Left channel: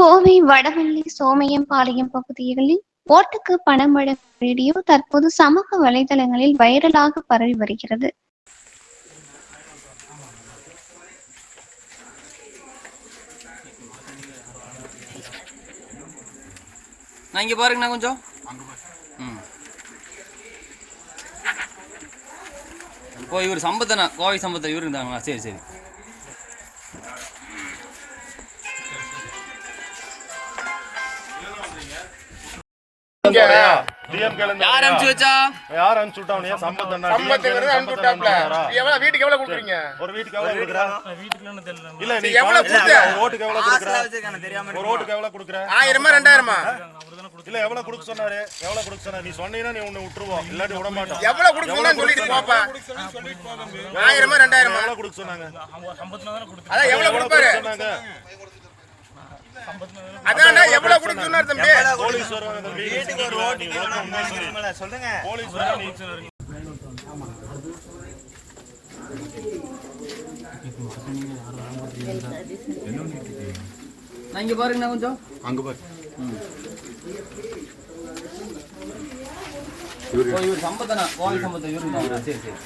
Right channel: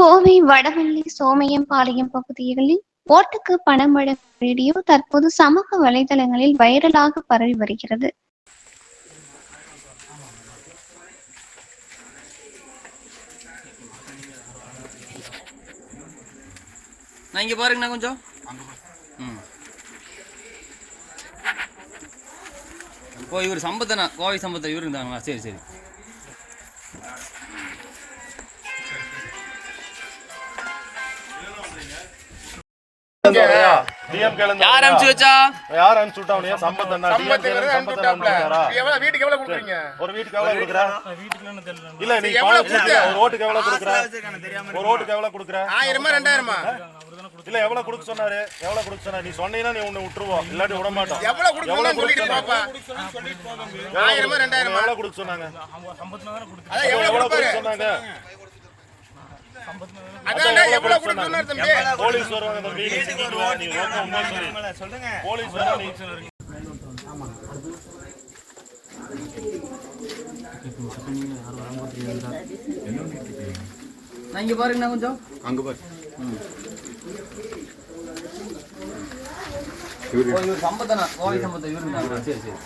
கோவை வடவள்ளி சோமையம்பாளையம் பகுதிகளில் ஓட்டுக்கு பணம் வழங்கும் வீடியோ தற்போது சமூக வலைதளங்களில் வைரலாக பரவி வருகிறது. இங்க பாருங்கண்ணா கொஞ்சம். இப்போ இவர் சம்பத்தனா கோவை சம்பத்தை இவரு இருந்தாங்களா? சரி சரி. யார் அனுப்பிச்சு வச்சா? யார் அனுப்பிச்சு விட்டாவனே? சம்பத்தனா வீட்டுக்கு எவ்வளவு கொடுக்குறீங்க? ஒரு வீட்டுக்கு எவ்வளவு கொடுக்குறா? இல்ல நீ எவ்வளவு கொடுக்குற? ஒரு ஓட்டுக்கு எவ்வளவு கொடுக்குற? ஒரு ஓட்டுக்கு எவ்வளவு கொடுக்குற? 1000 2000 இல்ல எவ்வளவு கொடுக்க சொன்னாரு? எவ்வளவு கொடுக்க சொன்னாரு? நீ சொன்னீனா நீ உன்னை விட்டுருவோம், இல்லாட்டி விட மாட்டோம். எவ்வளவு கொடுக்கணும்னு சொல்லிட்டு பாப்பா. 1000 2000 எவ்வளவு கொடுக்க சொன்னாங்க? அத எவ்வளவு கொடுப்பாரு சொன்னாங்க? அதானே எவ்வளவு கொடுக்கணும்னு தம்பி. போலீஸ் வருவாங்க தம்பி, நீ ஒழுங்கா உண்மை சொல்லுங்க. போலீஸ் வருவாங்க. இங்க பாருங்கண்ணா கொஞ்சம். அங்க பாரு. இவர் சம்பத்தனா கோவை சம்பத்தை இவரு இருந்தாங்களா? சரி சரி.